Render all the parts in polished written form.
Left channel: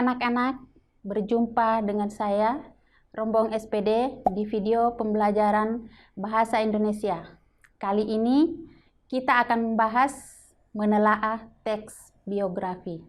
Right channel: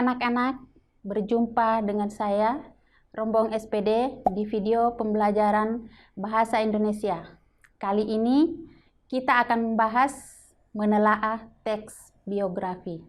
anak-anak, berjumpa dengan saya, Rombong SPD, di video pembelajaran Bahasa Indonesia. Kali ini kita akan membahas menelaah teks biografi.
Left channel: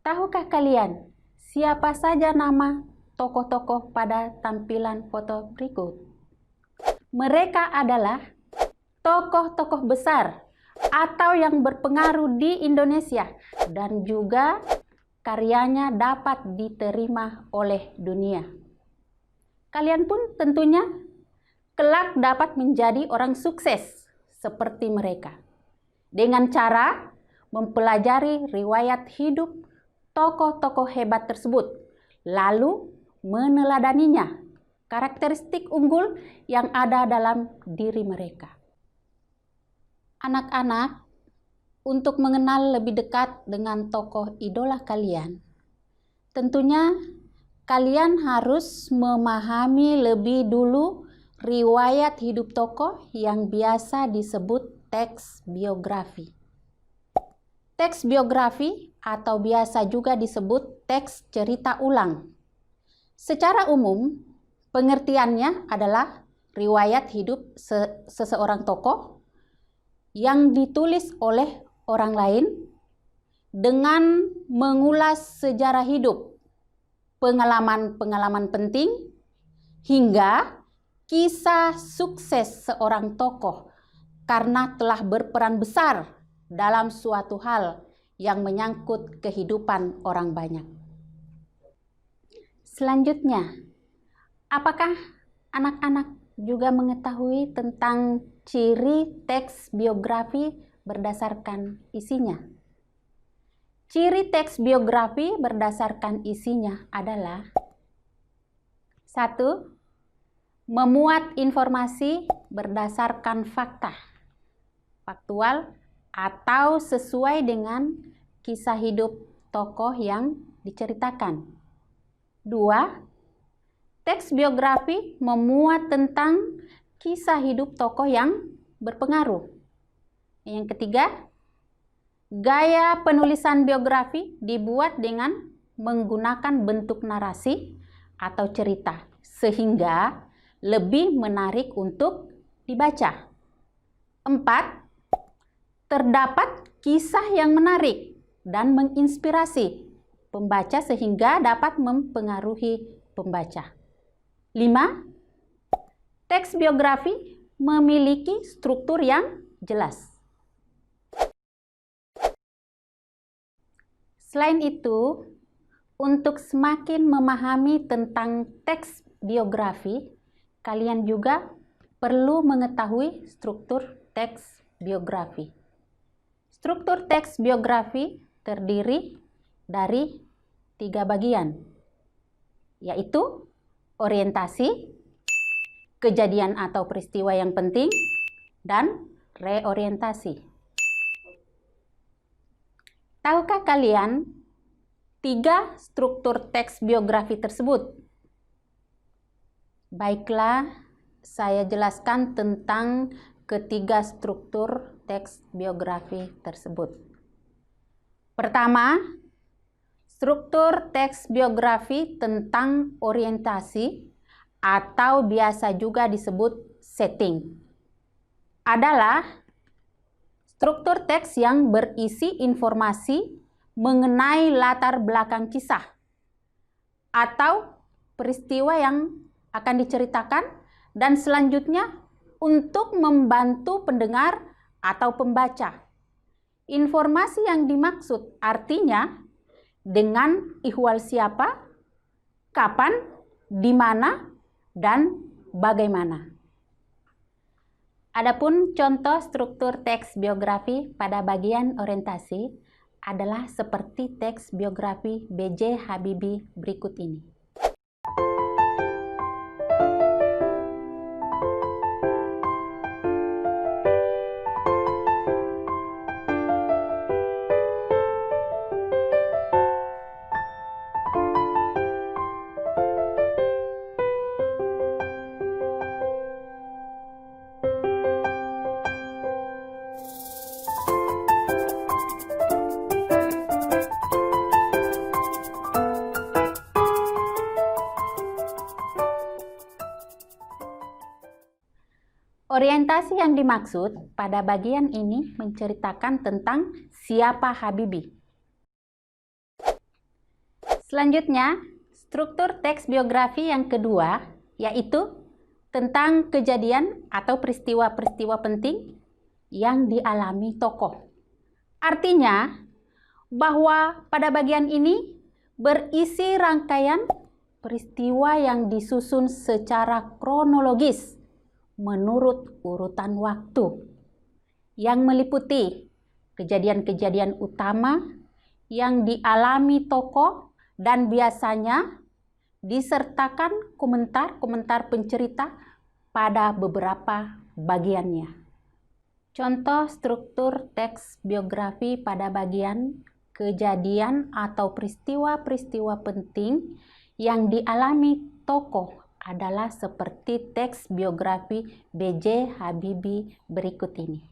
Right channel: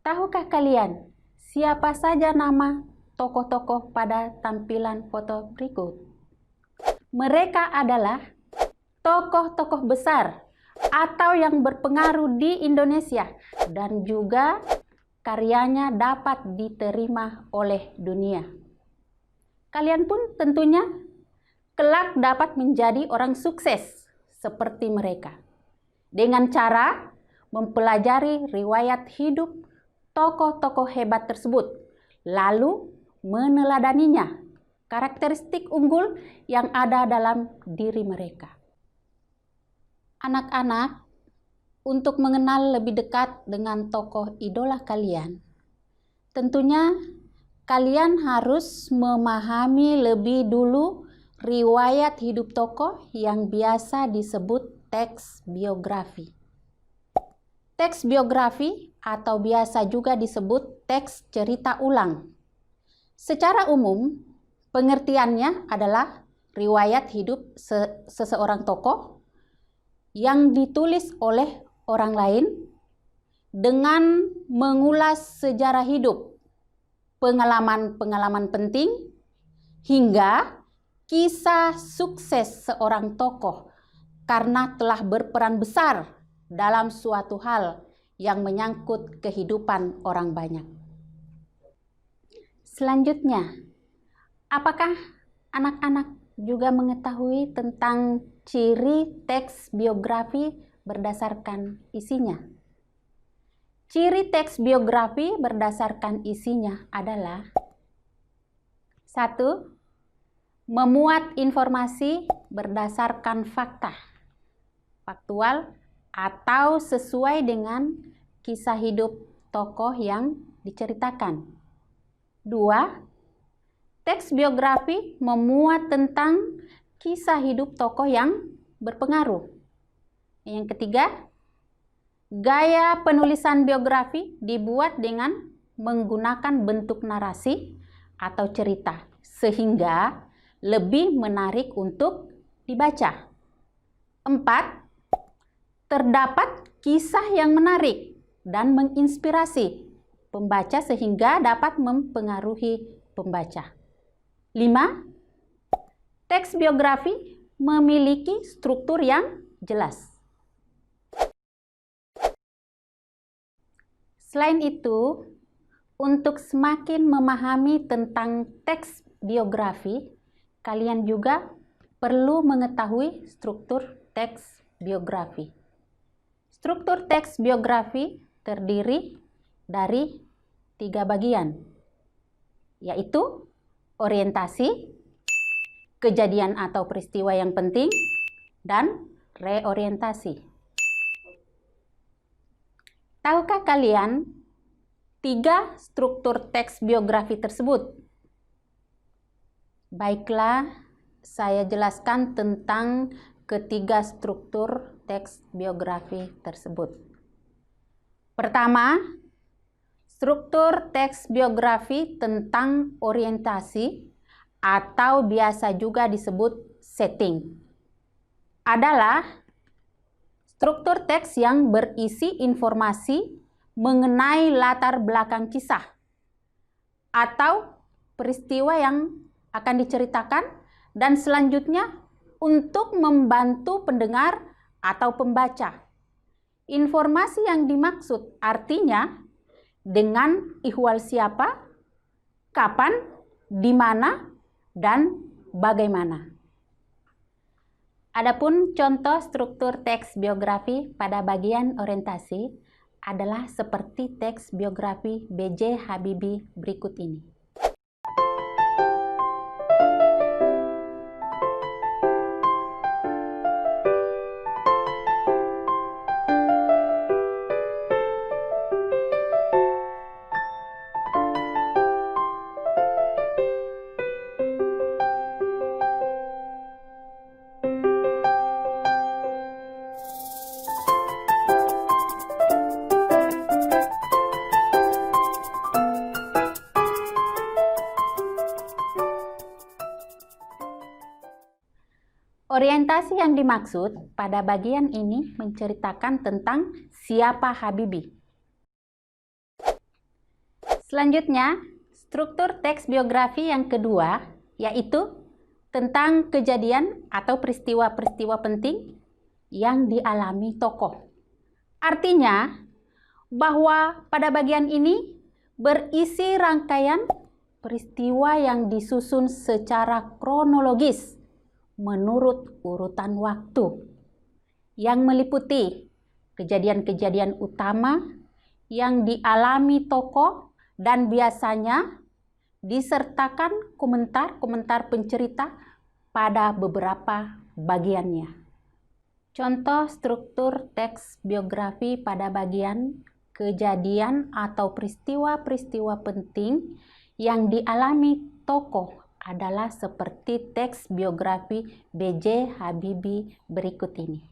Tahukah kalian siapa saja nama tokoh-tokoh pada tampilan foto berikut? Mereka adalah tokoh-tokoh besar atau yang berpengaruh di Indonesia dan juga karyanya dapat diterima oleh dunia. Kalian pun tentunya kelak dapat menjadi orang sukses seperti mereka dengan cara mempelajari riwayat hidup tokoh-tokoh hebat tersebut, lalu meneladaninya, karakteristik unggul yang ada dalam diri mereka. Anak-anak, untuk mengenal lebih dekat dengan tokoh idola kalian, tentunya kalian harus memahami lebih dulu riwayat hidup tokoh yang biasa disebut teks biografi. Teks biografi atau biasa juga disebut teks cerita ulang. Secara umum, pengertiannya adalah riwayat hidup seseorang tokoh yang ditulis oleh orang lain dengan mengulas sejarah hidup, pengalaman-pengalaman penting, hingga kisah sukses seorang tokoh karena telah berperan besar dalam suatu hal yang menyangkut kehidupan orang banyak. Selanjutnya, apakah anak-anak juga mengetahui tentang ciri teks biografi berdasarkan isinya? Ciri teks biografi berdasarkan isinya adalah: 1. Memuat informasi berdasarkan fakta, faktual, atau sesuai dengan kisah hidup tokoh yang diceritakan. 2. Teks biografi memuat tentang kisah hidup tokoh yang berpengaruh. Yang ketiga, gaya penulisan biografi dibuat dengan menggunakan bentuk narasi atau cerita, sehingga lebih menarik untuk dibaca. 4. Terdapat kisah yang menarik dan menginspirasi pembaca sehingga dapat mempengaruhi pembaca. 5. Teks biografi memiliki struktur yang jelas. Selain itu, untuk semakin memahami tentang teks biografi, kalian juga perlu mengetahui struktur teks biografi. Struktur teks biografi terdiri dari 3 bagian, yaitu orientasi, kejadian atau peristiwa yang penting, dan reorientasi. Tahukah kalian 3 struktur teks biografi tersebut? Baiklah, saya jelaskan tentang ketiga struktur teks biografi tersebut. Pertama, struktur teks biografi tentang orientasi atau biasa juga disebut setting adalah struktur teks yang berisi informasi mengenai latar belakang kisah atau peristiwa yang akan diceritakan dan selanjutnya untuk membantu pendengar atau pembaca. Informasi yang dimaksud artinya dengan ihwal siapa, kapan, di mana, dan bagaimana. Adapun contoh struktur teks biografi pada bagian orientasi adalah seperti teks biografi B.J. Habibie berikut ini. Orientasi yang dimaksud pada bagian ini menceritakan tentang siapa Habibie. Selanjutnya, struktur teks biografi yang kedua, yaitu tentang kejadian atau peristiwa-peristiwa penting yang dialami tokoh. Artinya, bahwa pada bagian ini berisi rangkaian peristiwa yang disusun secara kronologis menurut urutan waktu, yang meliputi kejadian-kejadian utama yang dialami tokoh dan biasanya disertakan komentar-komentar pencerita pada beberapa bagiannya. Contoh struktur teks biografi pada bagian kejadian atau peristiwa-peristiwa penting yang dialami tokoh adalah seperti teks biografi B.J. Habibie berikut ini.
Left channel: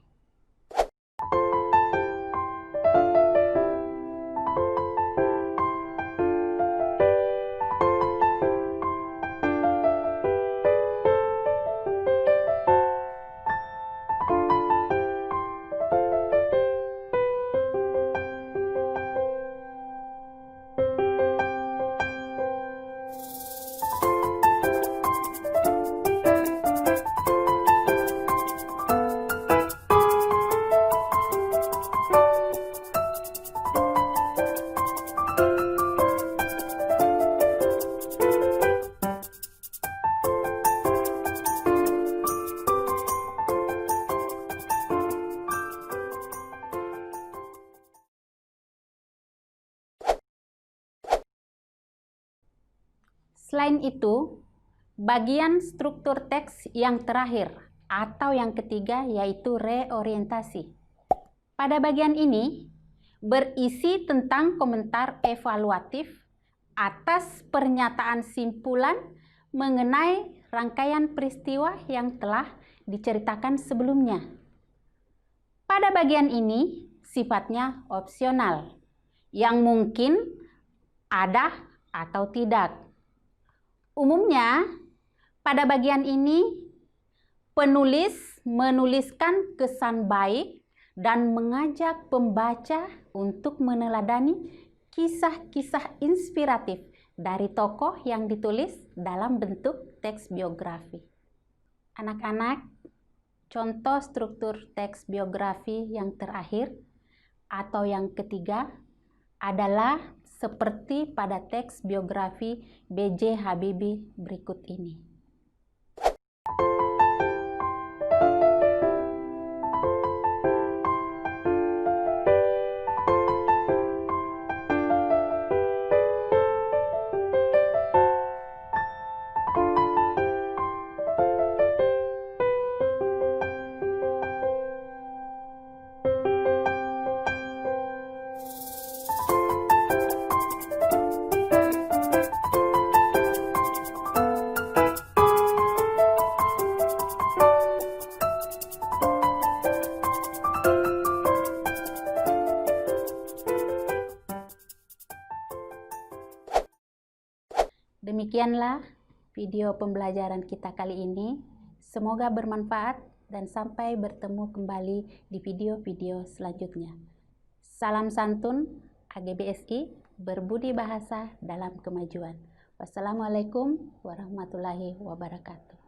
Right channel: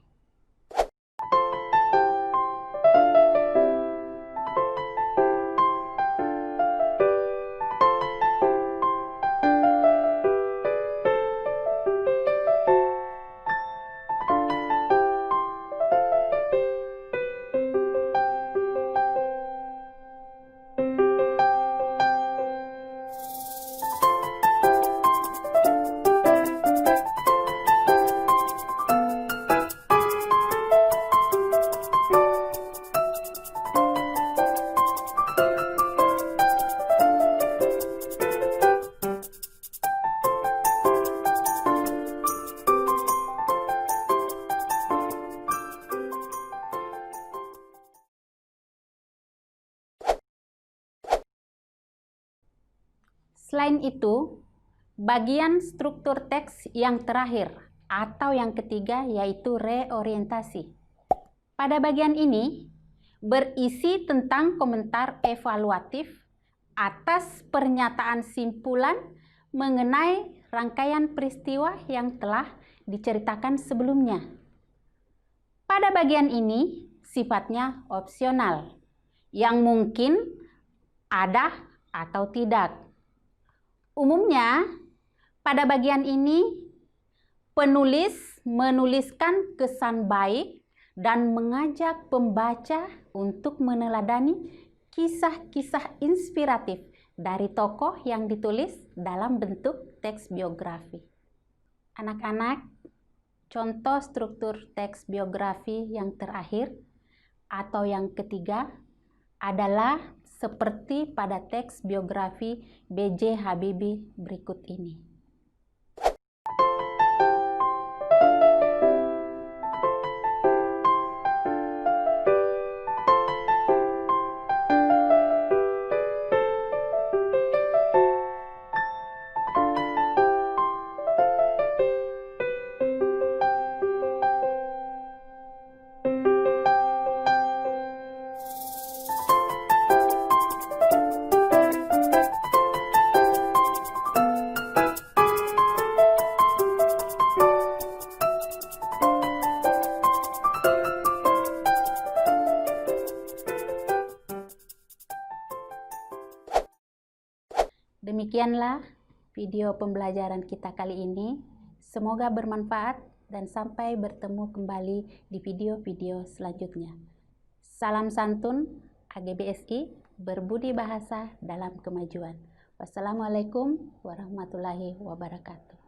Selain itu, bagian struktur teks yang terakhir atau yang ketiga yaitu reorientasi. Pada bagian ini berisi tentang komentar evaluatif atas pernyataan simpulan mengenai rangkaian peristiwa yang telah diceritakan sebelumnya. Pada bagian ini sifatnya opsional, yang mungkin ada atau tidak. Umumnya, pada bagian ini, penulis menuliskan kesan baik dan mengajak pembaca untuk meneladani kisah-kisah inspiratif dari tokoh yang ditulis dalam bentuk teks biografi. Anak-anak, contoh struktur teks biografi yang terakhir atau yang ketiga adalah seperti pada teks biografi B.J. Habibie berikut ini. Demikianlah video pembelajaran kita kali ini. Semoga bermanfaat dan sampai bertemu kembali di video-video selanjutnya. Salam santun AGBSI, berbudi bahasa dalam kemajuan. Wassalamualaikum warahmatullahi wabarakatuh.